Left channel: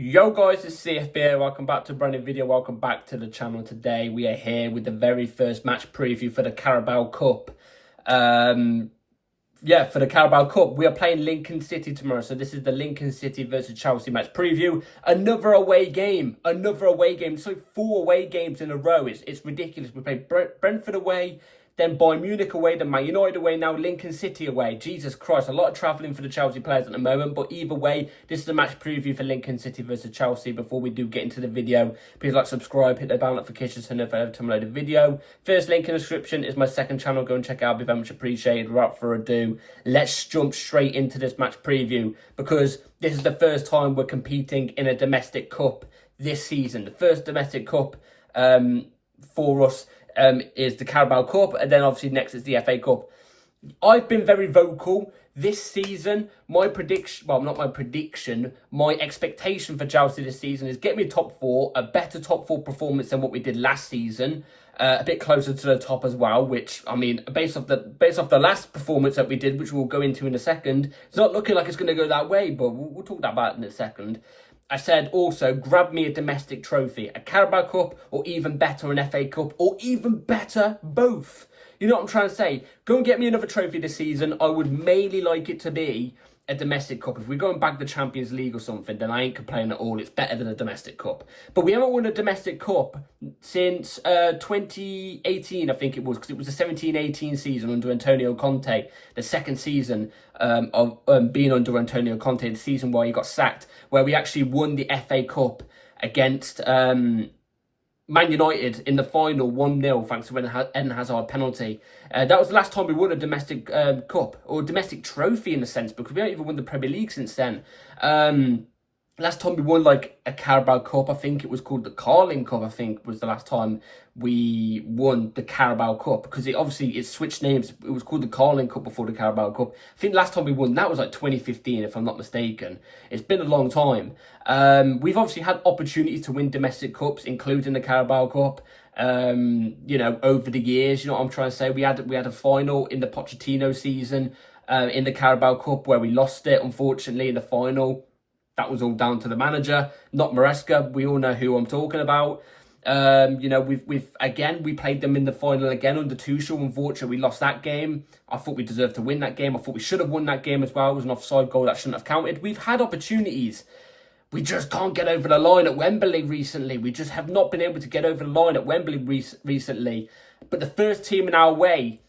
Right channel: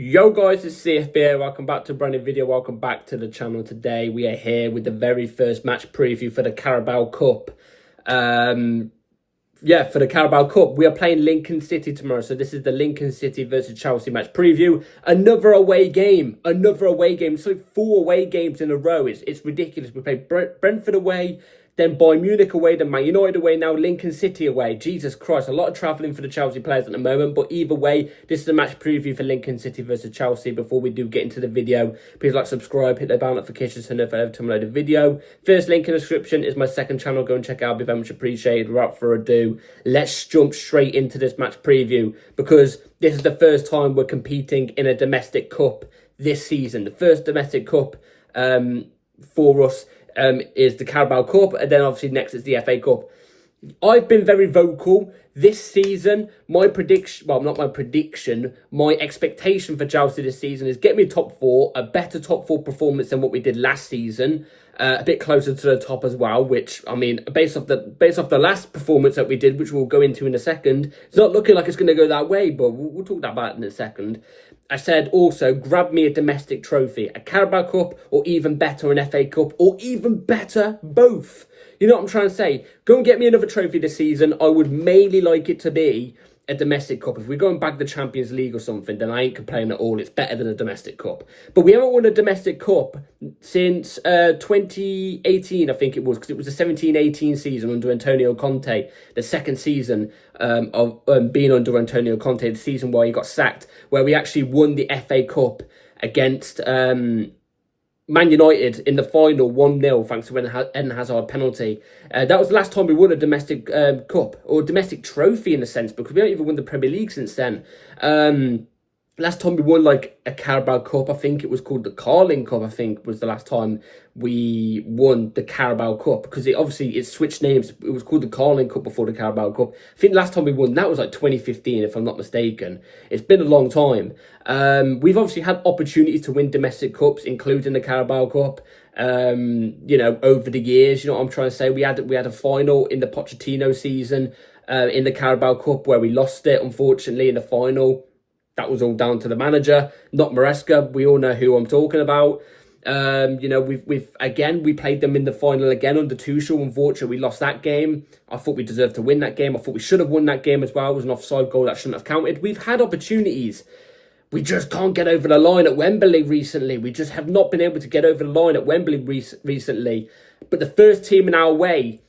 Yo guys, it's CFB. Welcome back to a brand new video. Welcome back to the channel. Today we are here with the very first match preview for the Carabao Cup. For the Carabao Cup, we are playing Lincoln City tomorrow. So this is the Lincoln City versus Chelsea match preview. Another away game. It's like 4 away games in a row. It's ridiculous. We play Brentford away, then Bayern Munich away, then Man United away, now Lincoln City away. Jesus Christ, a lot of travelling for the Chelsea players at the moment. But either way, this is a match preview for Lincoln City versus Chelsea. Before we do get into the video, please like, subscribe, hit the bell notifications to know every time I load a video. First link in the description is my second channel. Go and check it out. It'd be very much appreciated. Without further ado, let's jump straight into this match preview, because this is the first time we're competing in a domestic cup this season. The first domestic cup for us is the Carabao Cup, and then obviously next is the FA Cup. I've been very vocal this season. My expectation for Chelsea this season is get me top 4, a better top 4 performance than what we did last season, a bit closer to the top as well, which, I mean, based off the last performance that we did, which we'll go into in a second, it's not looking like it's going to go that way, but we'll talk about it in a second. I said also, grab me a domestic trophy, a Carabao Cup, or even better, an FA Cup, or even better, both. You know what I'm trying to say? Go and get me another trophy this season. I would mainly like it to be a domestic cup. If we're going back to the Champions League or something, then I ain't complaining at all. It's better than a domestic cup. But we haven't won a domestic cup since 2018, I think it was, because it was the 17-18 season under Antonio Conte, the second season of being under Antonio Conte, the season where he got sacked, where we actually won the FA Cup against Man United in the final 1-0 thanks to Eden Hazard penalty. That was the last time we won a domestic cup, or domestic trophy in a sense, because we haven't even won the Premier League since then. Last time we won like a Carabao Cup, I think it was called the Carling Cup, I think was the last time we won the Carabao Cup, because it switched names. It was called the Carling Cup before the Carabao Cup. I think the last time we won that was like 2015, if I'm not mistaken. It's been a long time. We've obviously had opportunities to win domestic cups, including the Carabao Cup, over the years. You know what I'm trying to say? We had a final in the Pochettino season in the Carabao Cup where we lost it, unfortunately, in the final. That was all down to the manager, not Maresca. We all know who I'm talking about. We played them in the final again under Tuchel. Unfortunately, we lost that game. I thought we deserved to win that game. I thought we should have won that game as well. It was an offside goal that shouldn't have counted. We've had opportunities. We just can't get over the line at Wembley recently. We just have not been able to get over the line at Wembley recently. But the first team in our way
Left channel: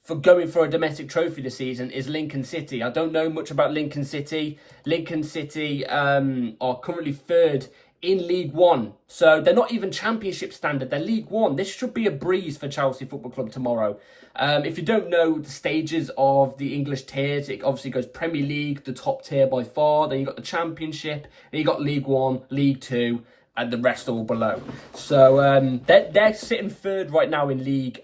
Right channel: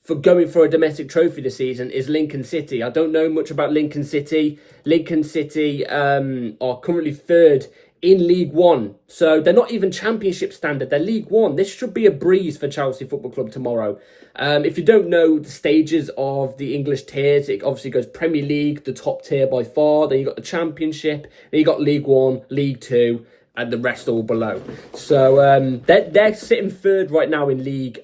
for going for a domestic trophy this season is Lincoln City. I don't know much about Lincoln City. Lincoln City are currently 3rd in League One. So they're not even Championship standard. They're League One. This should be a breeze for Chelsea Football Club tomorrow. If you don't know the stages of the English tiers, it obviously goes Premier League, the top tier by far. Then you got the Championship. Then you got League One, League Two, and the rest all below. So they're sitting 3rd right now in League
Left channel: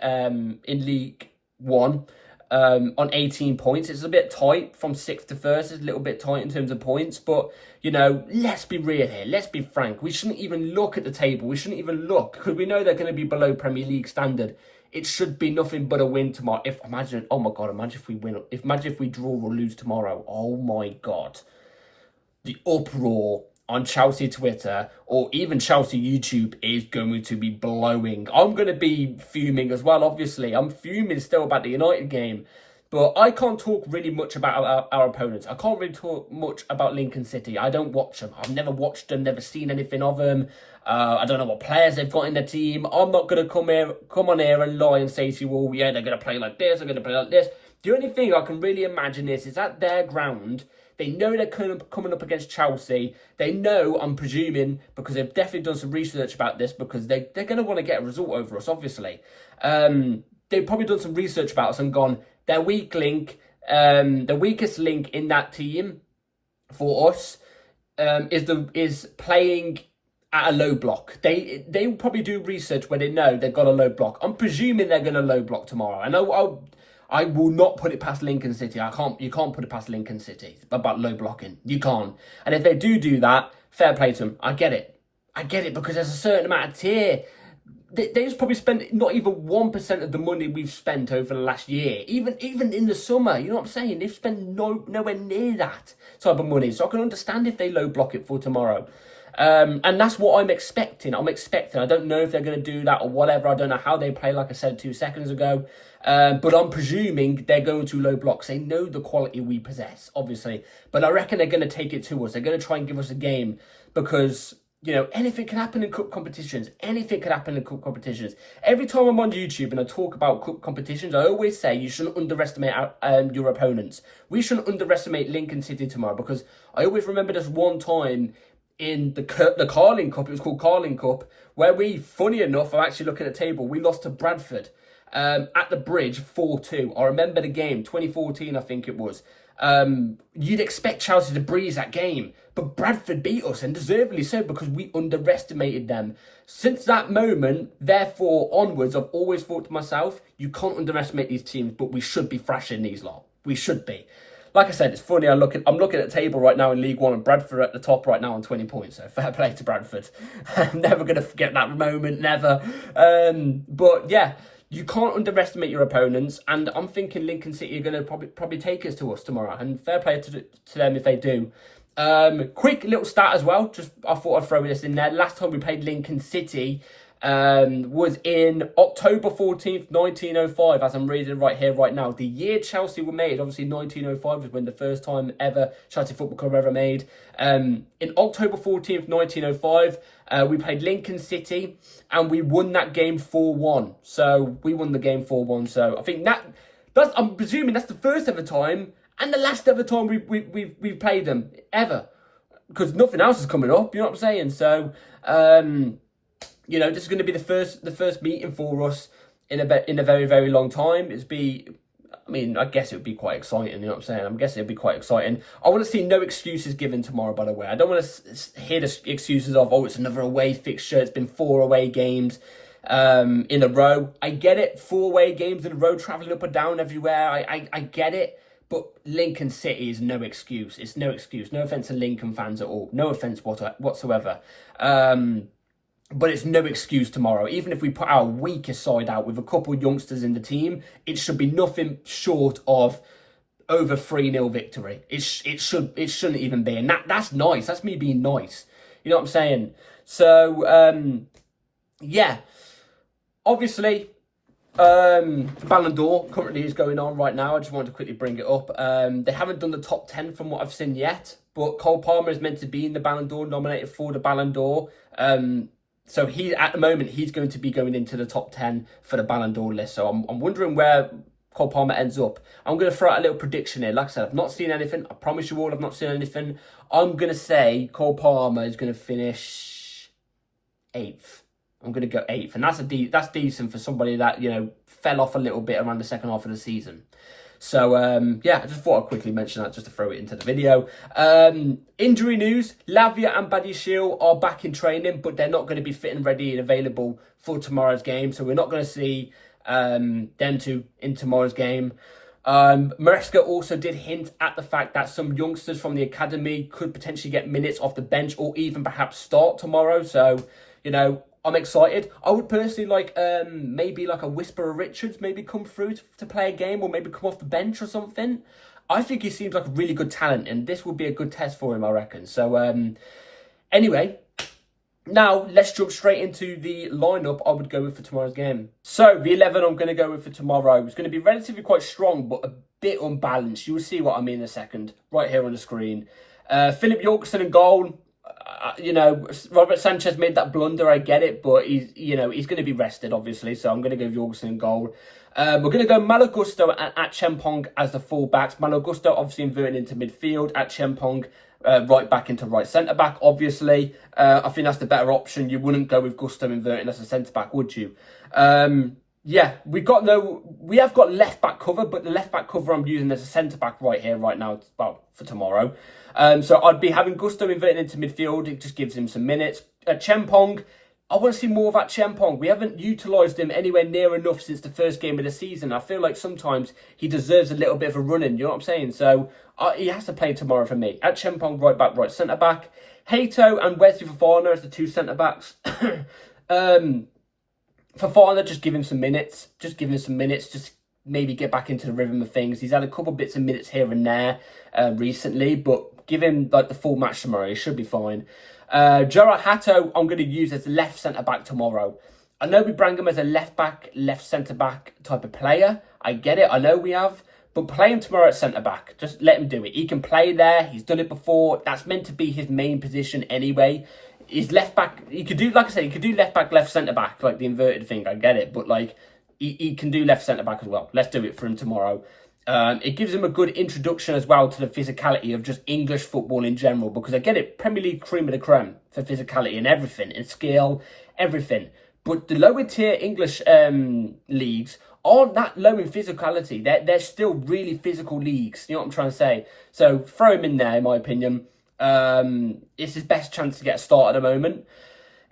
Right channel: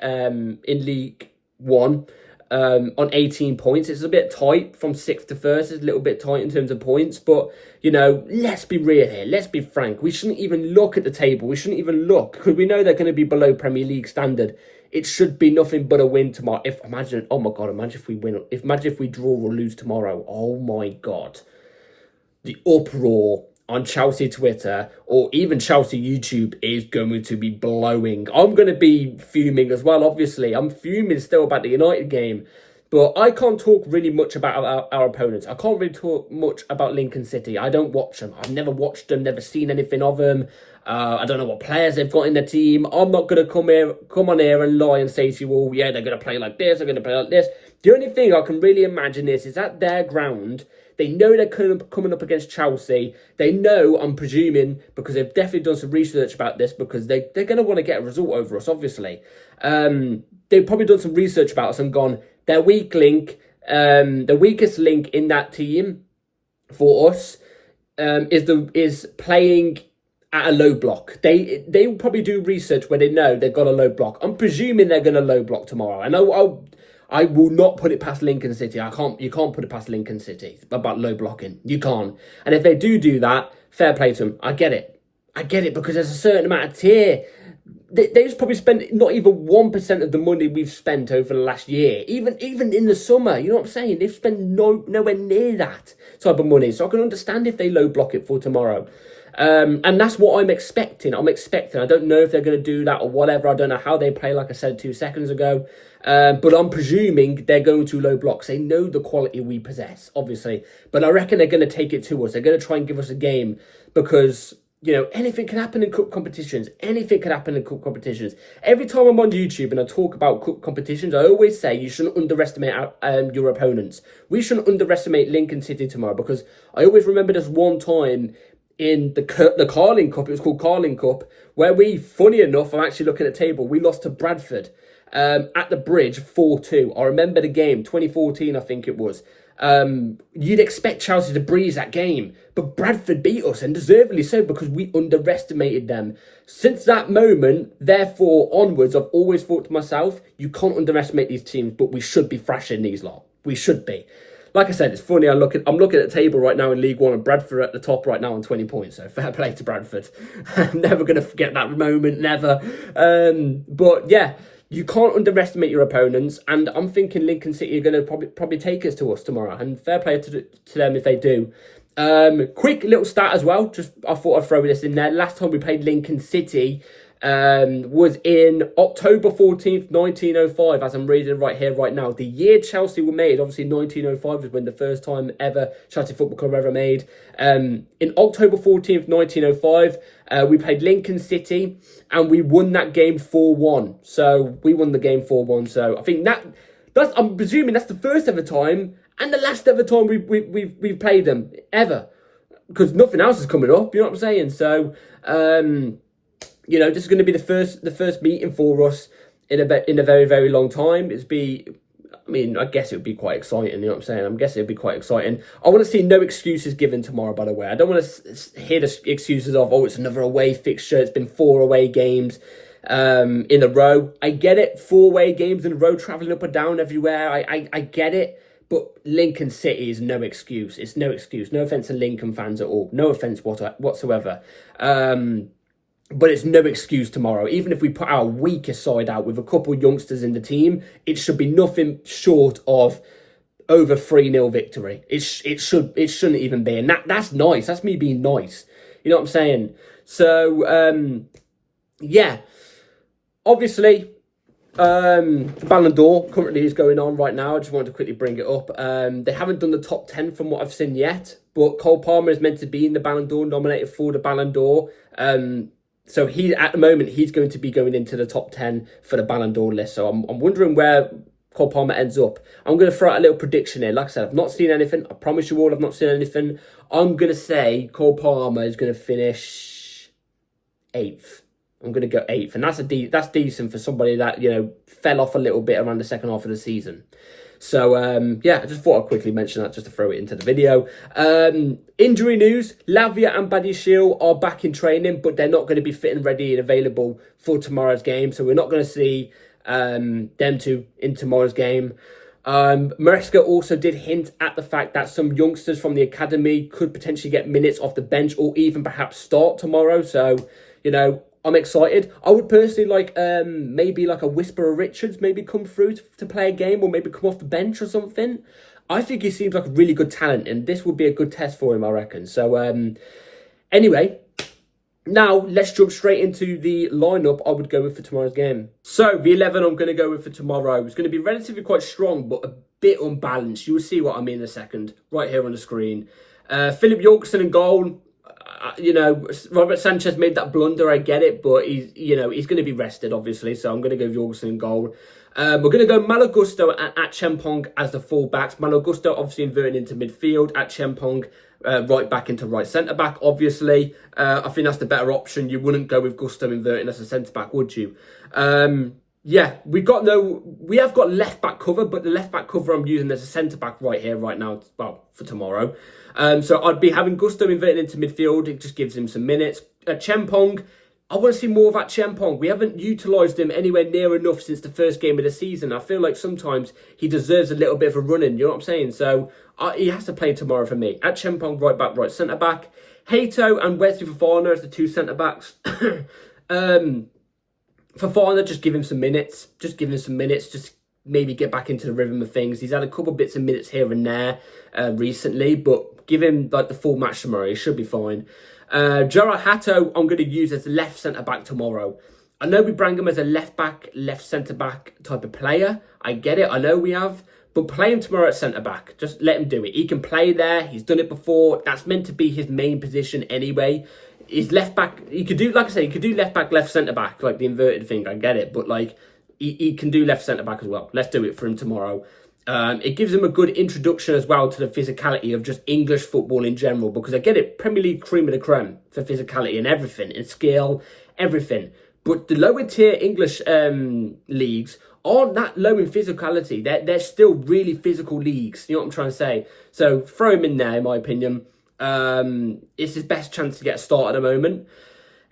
One on 18 points. It's a bit tight from 6th to 1st. It's a little bit tight in terms of points, but let's be real here. Let's be frank. We shouldn't even look at the table. We shouldn't even look, because we know they're going to be below Premier League standard. It should be nothing but a win tomorrow. Imagine if we win. Imagine if we draw or lose tomorrow. Oh my God, the uproar on Chelsea Twitter or even Chelsea YouTube is going to be blowing. I'm going to be fuming as well, obviously. I'm fuming still about the United game. But I can't talk really much about our opponents. I can't really talk much about Lincoln City. I don't watch them. I've never watched them, never seen anything of them. I don't know what players they've got in their team. I'm not going to come on here and lie and say to you all, yeah, they're going to play like this, they're going to play like this. The only thing I can really imagine is at their ground, they know they're coming up against Chelsea. They know, I'm presuming, because they've definitely done some research about this, because they're going to want to get a result over us, obviously. They've probably done some research about us and gone, their weak link, the weakest link in that team for us is playing at a low block. They will probably do research where they know they've got a low block. I'm presuming they're going to low block tomorrow. I will not put it past Lincoln City. You can't put it past Lincoln City about low blocking. You can't. And if they do that, fair play to them. I get it because there's a certain amount of tier. They just probably spent not even 1% of the money we've spent over the last year. Even in the summer, you know what I'm saying? They've spent nowhere near that type of money. So I can understand if they low block it for tomorrow. And that's what I'm expecting. I don't know if they're going to do that or whatever. I don't know how they play, like I said 2 seconds ago. But I'm presuming they're going to low blocks. They know the quality we possess, obviously. But I reckon they're going to take it to us. They're going to try and give us a game because, anything can happen in cup competitions. Anything can happen in cup competitions. Every time I'm on YouTube and I talk about cup competitions, I always say you shouldn't underestimate your opponents. We shouldn't underestimate Lincoln City tomorrow because I always remember this one time in the Carling Cup, it was called Carling Cup, where we, funny enough, I'm actually looking at the table, we lost to Bradford at the Bridge 4-2. I remember the game, 2014 I think it was. You'd expect Chelsea to breeze that game, but Bradford beat us, and deservedly so, because we underestimated them. Since that moment, therefore, onwards, I've always thought to myself, you can't underestimate these teams, but we should be thrashing these lot. We should be. Like I said, it's funny, I'm looking at the table right now in League One, and Bradford at the top right now on 20 points, so fair play to Bradford. I'm never going to forget that moment, never. But yeah, you can't underestimate your opponents, and I'm thinking Lincoln City are going to probably take us to us tomorrow, and fair play to them if they do. Quick little stat as well, just I thought I'd throw this in there. Last time we played Lincoln City was in October 14th, 1905, as I'm reading right here, right now. The year Chelsea were made, obviously 1905 was when the first time ever Chelsea Football Club ever made. In October 14th, 1905, we played Lincoln City and we won that game 4-1. So we won the game 4-1. So I think I'm presuming that's the first ever time and the last ever time we've played them ever, because nothing else is coming up. You know what I'm saying? So this is going to be the first meeting for us in a very, very long time. I guess it would be quite exciting, you know what I'm saying? I'm guessing it would be quite exciting. I want to see no excuses given tomorrow, by the way. I don't want to hear the excuses of, it's another away fixture. It's been 4 away games in a row. I get it, 4 away games in a row, travelling up and down everywhere. I get it. But Lincoln City is no excuse. It's no excuse. No offence to Lincoln fans at all. No offence whatsoever. But it's no excuse tomorrow. Even if we put our weakest side out with a couple of youngsters in the team, it should be nothing short of over 3-0 victory. It shouldn't even be. And that's nice. That's me being nice. You know what I'm saying? So, yeah. Obviously, the Ballon d'Or currently is going on right now. I just wanted to quickly bring it up. They haven't done the top 10 from what I've seen yet. But Cole Palmer is meant to be in the Ballon d'Or, nominated for the Ballon d'Or. So at the moment, he's going to be going into the top 10 for the Ballon d'Or list. So I'm wondering where Cole Palmer ends up. I'm going to throw out a little prediction here. Like I said, I've not seen anything. I promise you all I've not seen anything. I'm going to say Cole Palmer is going to finish 8th. I'm going to go 8th. And that's decent for somebody that, fell off a little bit around the second half of the season. So, I just thought I'd quickly mention that just to throw it into the video. Injury news, Lavia and Badiashile are back in training, but they're not going to be fit and ready and available for tomorrow's game. So we're not going to see them two in tomorrow's game. Maresca also did hint at the fact that some youngsters from the academy could potentially get minutes off the bench or even perhaps start tomorrow. So, I'm excited. I would personally like maybe like a Whisperer Richards maybe come through to play a game, or maybe come off the bench or something. I think he seems like a really good talent, and this would be a good test for him, I reckon. So anyway, now let's jump straight into the lineup I would go with for tomorrow's game. So the 11 I'm going to go with for tomorrow is going to be relatively quite strong, but a bit unbalanced. You will see what I mean in a second, right here on the screen. Philip Yorkson in goal. Robert Sanchez made that blunder, I get it, but he's going to be rested, obviously, so I'm going to go Jorgensen in goal. We're going to go Malagusto and Chempong as the full-backs. Malagusto obviously inverting into midfield, Chempong right back into right centre-back, obviously. I think that's the better option. You wouldn't go with Gusto inverting as a centre-back, would you? We have got left-back cover, but the left-back cover I'm using as a centre-back right here, right now, well, for tomorrow. So I'd be having Gusto inverting into midfield. It just gives him some minutes. Chempong, I want to see more of that Chempong. We haven't utilised him anywhere near enough since the first game of the season. I feel like sometimes he deserves a little bit of a run-in, you know what I'm saying? So he has to play tomorrow for me. Chempong, right back, right centre-back. Hato and Wesley Fofana as the two centre-backs. Fofana, just give him some minutes. Just maybe get back into the rhythm of things. He's had a couple bits of minutes here and there recently, but give him like the full match tomorrow. He should be fine. Gerard Hato, I'm going to use as left centre-back tomorrow. I know we bring him as a left-back, left centre-back type of player. I get it. I know we have. But play him tomorrow at centre-back. Just let him do it. He can play there. He's done it before. That's meant to be his main position anyway. His left-back, he could do, like I say, he could do left-back, left centre-back, like the inverted thing. I get it. But, like, he can do left centre-back as well. Let's do it for him tomorrow. It gives him a good introduction as well to the physicality of just English football in general. Because I get it, Premier League cream of the creme for physicality and everything, and skill, everything. But the lower tier English leagues aren't that low in physicality. They're still really physical leagues. You know what I'm trying to say? So throw him in there, in my opinion. It's his best chance to get a start at the moment.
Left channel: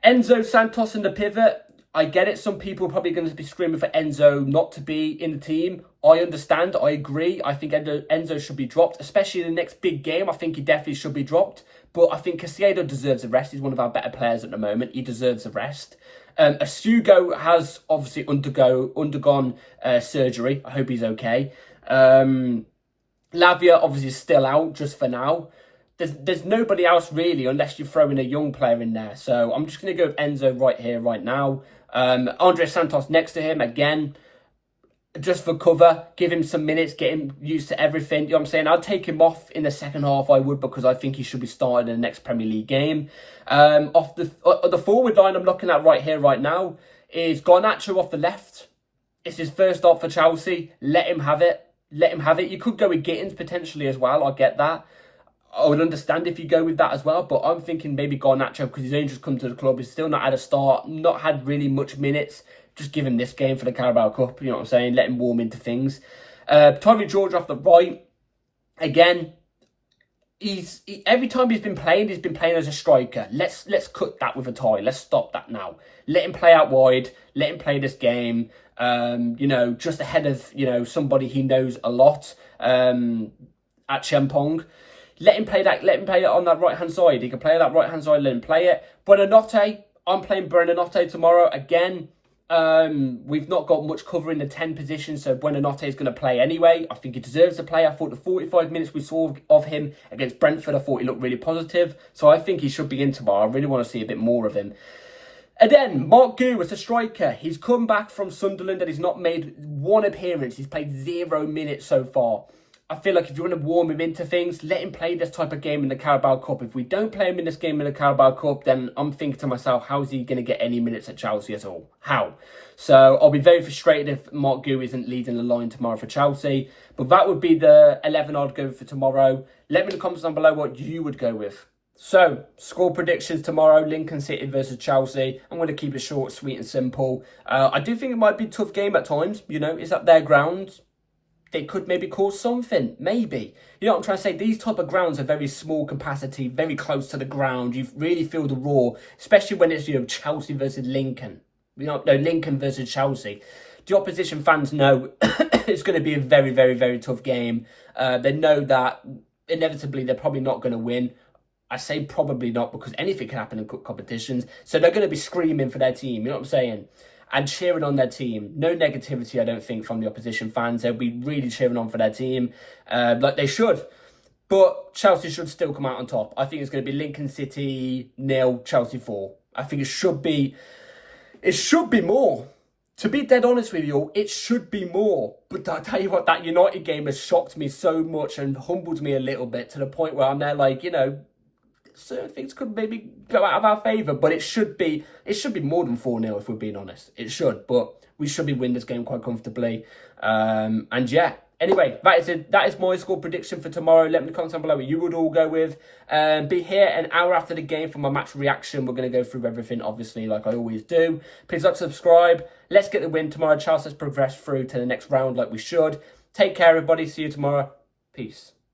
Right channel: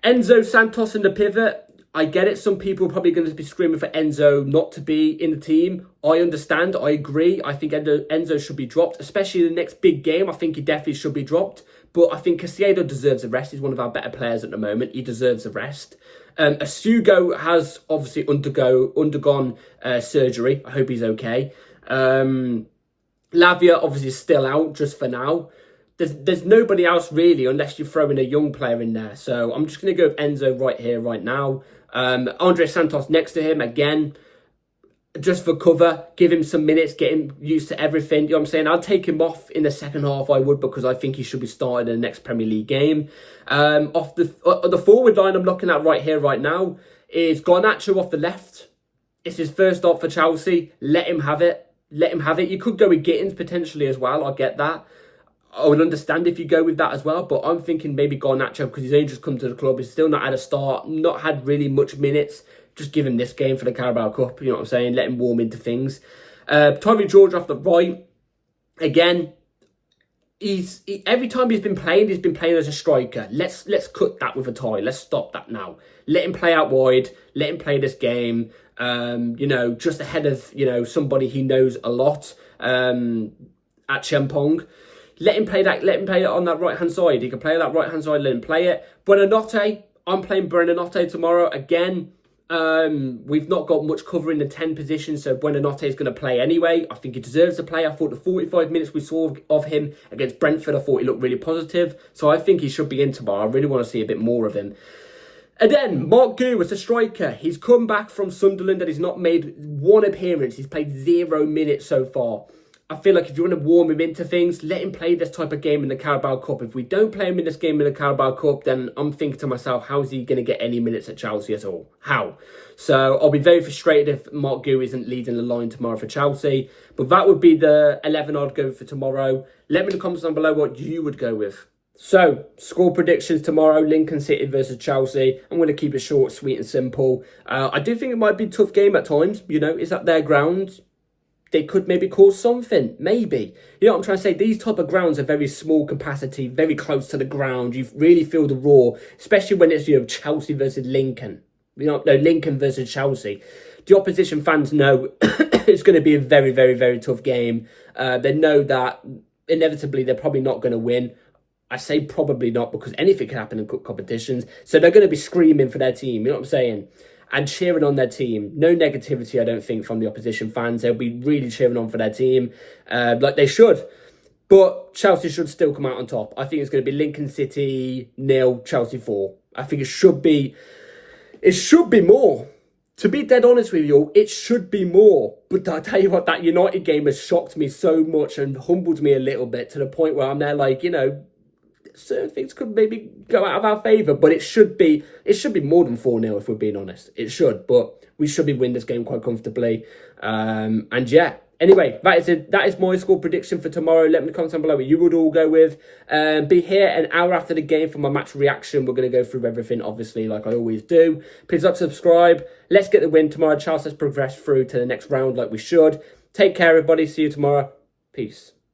Enzo Santos in the pivot. I get it. Some people are probably going to be screaming for Enzo not to be in the team. I understand. I agree. I think Enzo should be dropped, especially in the next big game. I think he definitely should be dropped. But I think Caicedo deserves a rest. He's one of our better players at the moment. He deserves a rest. Asugo has obviously undergone surgery. I hope he's okay. Lavia obviously is still out just for now. There's nobody else really unless you throw in a young player in there. So I'm just going to go with Enzo right here, right now. Andre Santos next to him again. Just for cover, give him some minutes, get him used to everything. You know what I'm saying? I'd take him off in the second half, I would, because I think he should be started in the next Premier League game. Off the forward line I'm looking at right here, right now, is Garnacho off the left. It's his first start for Chelsea. Let him have it. Let him have it. You could go with Gittins potentially as well. I get that. I would understand if you go with that as well, but I'm thinking maybe Garnacho because he's only just come to the club. He's still not had a start, not had really much minutes. Just give him this game for the Carabao Cup, you know what I'm saying? Let him warm into things. Tommy George off the right. Again, every time he's been playing as a striker. Let's cut that with a tie. Let's stop that now. Let him play out wide. Let him play this game. Just ahead of, somebody he knows a lot at Champong. Let him play that. Let him play it on that right-hand side. He can play that right-hand side. Let him play it. Buonanotte. I'm playing Buonanotte tomorrow. Again, we've not got much cover in the 10 position, so Buonanotte is going to play anyway. I think he deserves to play. I thought the 45 minutes we saw of him against Brentford, I thought he looked really positive. So I think he should be in tomorrow. I really want to see a bit more of him. And then, Mark Gu as a striker. He's come back from Sunderland and he's not made one appearance. He's played 0 minutes so far. I feel like if you want to warm him into things, let him play this type of game in the Carabao Cup. If we don't play him in this game in the Carabao Cup, then I'm thinking to myself, how is he going to get any minutes at Chelsea at all? How? So I'll be very frustrated if Mark Gu isn't leading the line tomorrow for Chelsea. But that would be the 11 I'd go for tomorrow. Let me in the comments down below what you would go with. So, score predictions tomorrow, Lincoln City versus Chelsea. I'm going to keep it short, sweet and simple. I do think it might be a tough game at times. It's at their ground. They could maybe cause something, maybe. You know what I'm trying to say? These type of grounds are very small capacity, very close to the ground. You really feel the roar, especially when it's, Chelsea versus Lincoln. Lincoln versus Chelsea. The opposition fans know it's going to be a very, very, very tough game. They know that inevitably they're probably not going to win. I say probably not because anything can happen in competitions. So they're going to be screaming for their team, you know what I'm saying? And cheering on their team. No negativity, I don't think, from the opposition fans. They'll be really cheering on for their team, like they should. But Chelsea should still come out on top. I think it's going to be Lincoln City 0, Chelsea 4. I think it should be more. To be dead honest with you, it should be more. But I tell you what, that United game has shocked me so much and humbled me a little bit to the point where I'm there like, certain things could maybe go out of our favour, but it should be more than 4-0 if we're being honest. It should, but we should be winning this game quite comfortably. And yeah, anyway, that is it. That is my score prediction for tomorrow. Let me in the comments down below what you would all go with. Be here an hour after the game for my match reaction. We're going to go through everything, obviously, like I always do. Please like, subscribe. Let's get the win tomorrow. Chelsea has progressed through to the next round like we should. Take care, everybody. See you tomorrow. Peace.